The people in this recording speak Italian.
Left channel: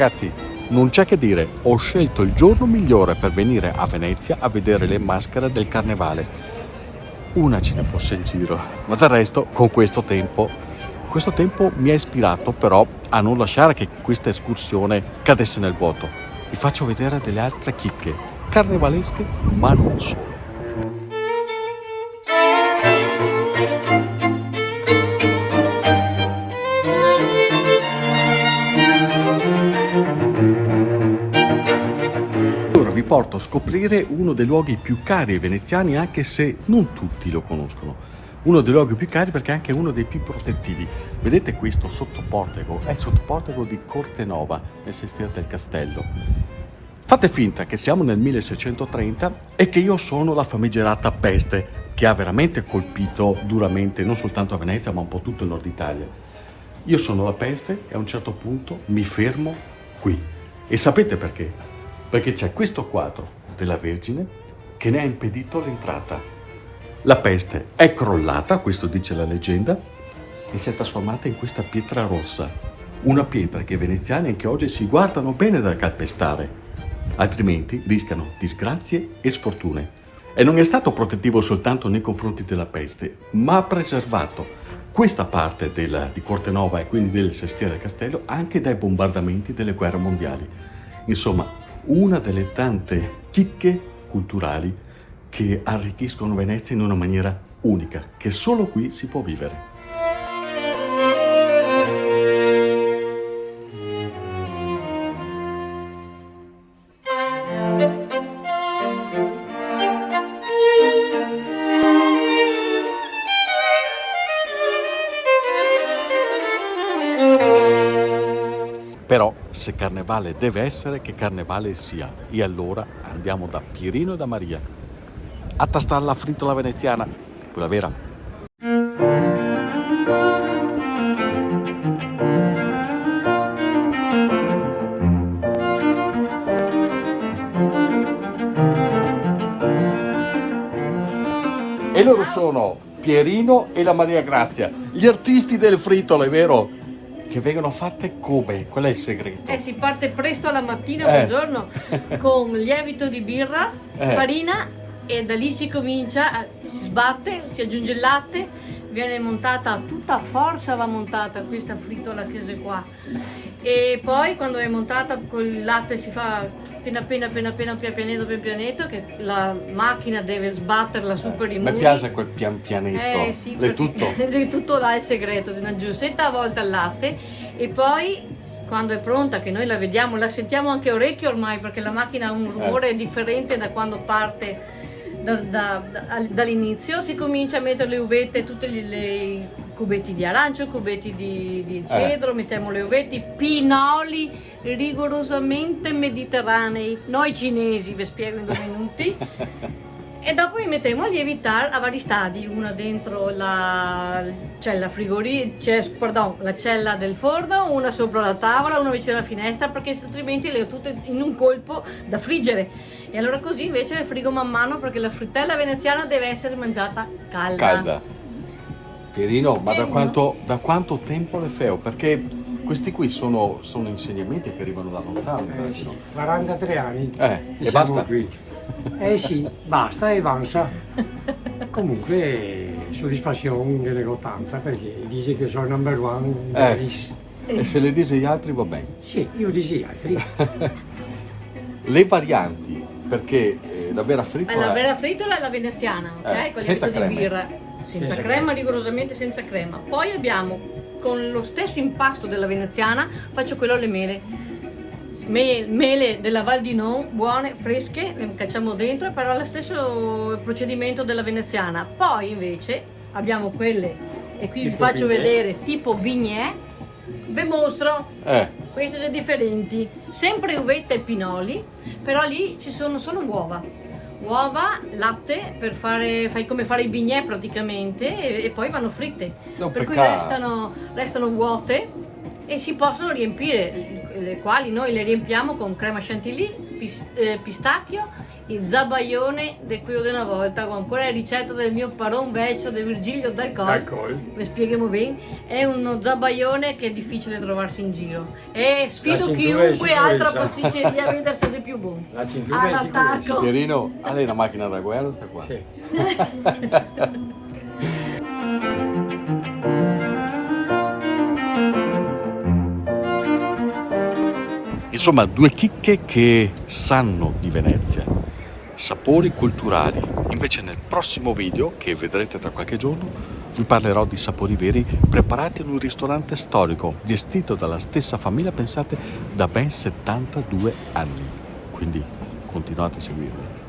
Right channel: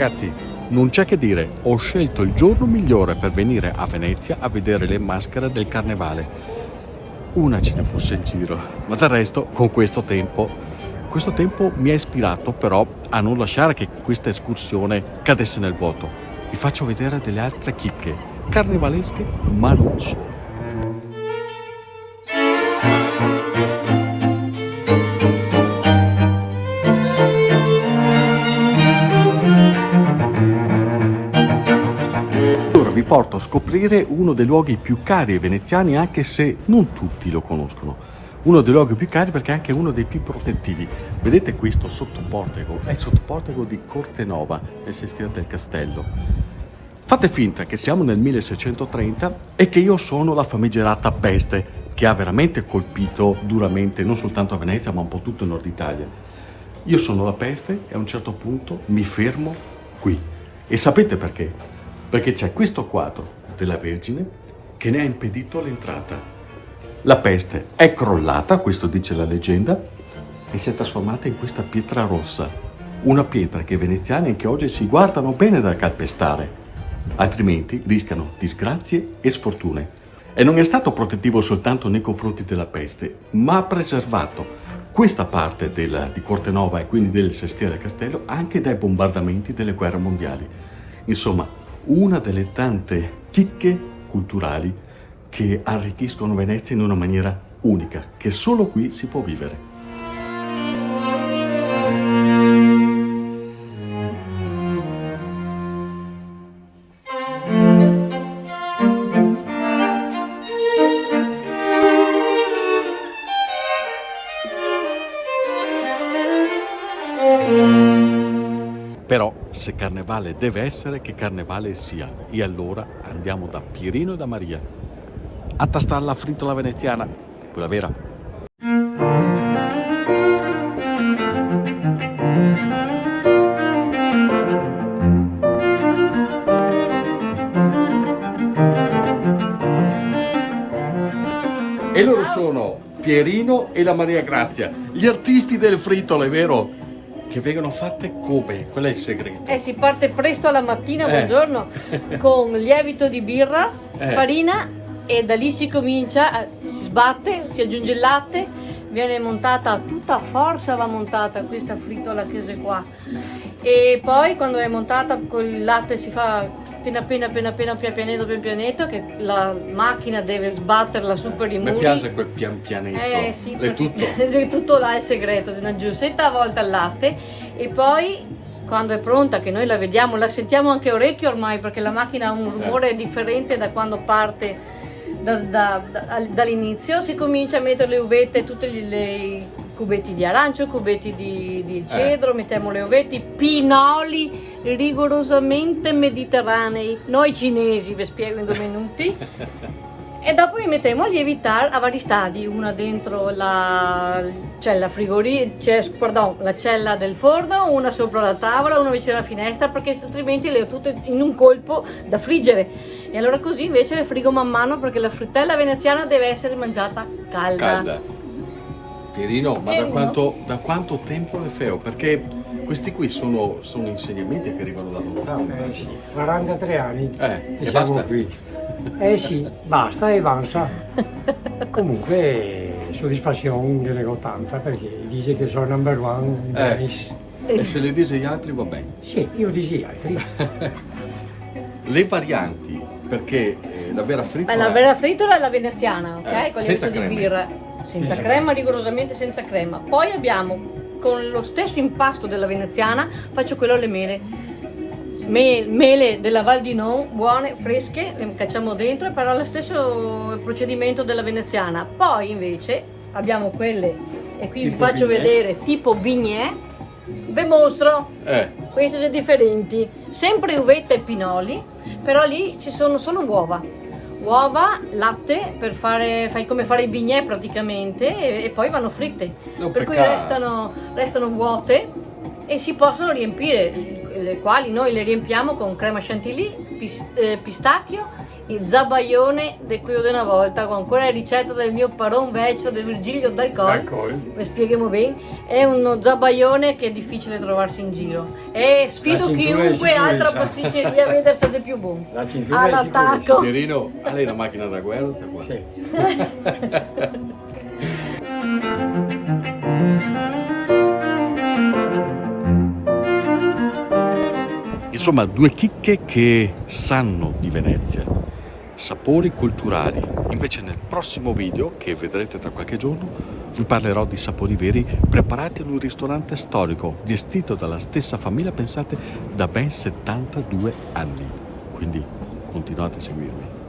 Ragazzi, non c'è che dire, ho scelto il giorno migliore per venire a Venezia a vedere le maschere del carnevale. Una ce ne fosse in giro, ma del resto con questo tempo mi ha ispirato però a non lasciare che questa escursione cadesse nel vuoto. Vi faccio vedere delle altre chicche carnevalesche, ma non solo. Ora vi porto a scoprire uno dei luoghi più cari ai veneziani, anche se non tutti lo conoscono. Uno dei luoghi più cari perché è anche uno dei più protettivi. Vedete questo sottoportico? È il sottoportico di Cortenova, nel sestiere del castello. Fate finta che siamo nel 1630 e che io sono la famigerata peste che ha veramente colpito duramente non soltanto a Venezia ma un po' tutto il nord Italia. Io sono la peste e a un certo punto mi fermo qui. E sapete perché? Perché c'è questo quadro della Vergine che ne ha impedito l'entrata. La peste è crollata, questo dice la leggenda, e si è trasformata in questa pietra rossa, una pietra che i veneziani anche oggi si guardano bene da calpestare, altrimenti rischiano disgrazie e sfortune. E non è stato protettivo soltanto nei confronti della peste, ma ha preservato questa parte di Cortenova e quindi del sestiere del castello anche dai bombardamenti delle guerre mondiali. Insomma, una delle tante chicche culturali che arricchiscono Venezia in una maniera unica, che solo qui si può vivere. Però se carnevale deve essere, che carnevale sia. E allora andiamo da Pierino e da Maria a tastare la fritola veneziana, quella vera. E loro sono Pierino e la Maria Grazia, gli artisti delle fritole, vero? Che vengono fatte come? Qual è il segreto? Si parte presto alla mattina del giorno con lievito di birra, farina, e da lì si comincia, si sbatte, si aggiunge il latte, viene montata tutta a forza, va montata questa fritola che è qua, e poi quando è montata con il latte si fa pianetto, che la macchina deve sbatterla su per i muri. Mi piace quel pianetto, sì, è tutto. Tutto là è il segreto, una giussetta a volta al latte, e poi quando è pronta, che noi la vediamo, la sentiamo anche orecchio ormai, perché la macchina ha un rumore differente da quando parte dall'inizio. Si comincia a mettere le uvette, tutti i cubetti di arancio, cubetti di cedro, mettiamo le uvette, pinoli rigorosamente mediterranei, noi cinesi, vi spiego in 2 minuti. E dopo li mettiamo a lievitare a vari stadi, una dentro la cella la cella del forno, una sopra la tavola, una vicino alla finestra, perché altrimenti le ho tutte in un colpo da friggere. E allora così invece le frigo man mano, perché la frittella veneziana deve essere mangiata calda. Pierino, ma da quanto tempo le fai? Perché questi qui sono insegnamenti che arrivano da lontano. Sì, 43 anni E siamo basta? qui. Sì, basta e avanza. Comunque soddisfazione ne nego tanta, perché dice che sono number one in Venice. E se le dice gli altri va bene. Sì, io dico gli altri. Le varianti, perché la vera fritola La vera fritola è la veneziana, ok? Con senza lievito di crema. birra. Senza crema, rigorosamente senza crema. Poi abbiamo, con lo stesso impasto della veneziana, faccio quello alle mele. Mele della Val di Non, buone, fresche, le cacciamo dentro, però lo stesso procedimento della veneziana. Poi invece abbiamo quelle, e qui vi faccio vedere, tipo bignè. Vi mostro, queste sono differenti, sempre uvetta e pinoli, però lì ci sono solo uova, latte, fai come fare i bignè praticamente, e poi vanno fritte, per cui restano vuote e si possono riempire, le quali noi le riempiamo con crema chantilly, pistacchio il zabaione di quello di una volta, con quella ricetta del mio paron vecchio di Virgilio D'Alcol. D'Alcol. Vi spieghiamo bene. È uno zabaione che è difficile trovarsi in giro. E sfido La cintura chiunque di altra sicurezza. pasticceria a vedersi di più buono. La cintura di All'attacco. sicurezza. Pierino, a lei la macchina da guerra sta qua. Sì. Insomma, due chicche che sanno di Venezia, sapori culturali. Invece nel prossimo video, che vedrete tra qualche giorno, vi parlerò di sapori veri preparati in un ristorante storico, gestito dalla stessa famiglia, pensate, da ben 72 anni. Quindi continuate a seguirmi.